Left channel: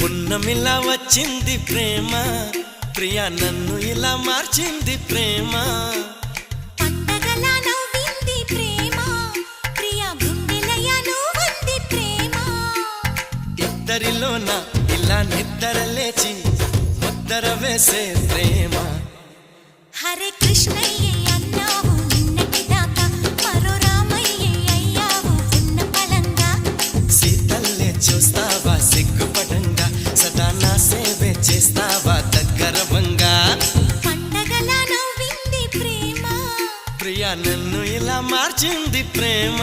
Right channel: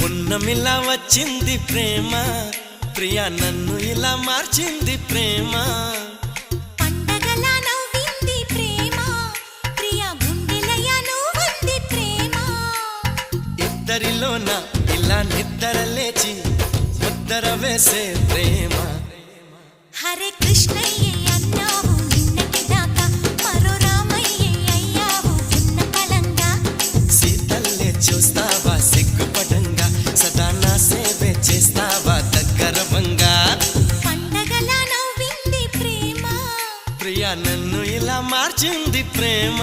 పున్నమిలా వచ్చింది ప్రేమ, ప్రియా నన్ను ఇలా మార్చింది ప్రేమ. పండగలా నవ్వింది ప్రేమ, ప్రియా గుండెలయ నువ్వుంది ప్రేమ. ఇద్దరిలోన ఇలా నిద్ర లేచి ముద్దర వేసే ప్రేమ. హరే కృష్ణయ్య అన్నావు నిన్నటి దాకా, మరో రామయ్య అయ్యావు ఉన్న పలంగా. సీతల్లే చూస్తావా సిగ్గుపడంగా, సదా నా సేవే చేస్తావా దగ్గరవంగా. పండగలా నవ్వింది ప్రేమ, ప్రియా నన్ను ఇలా మార్చింది ప్రేమ.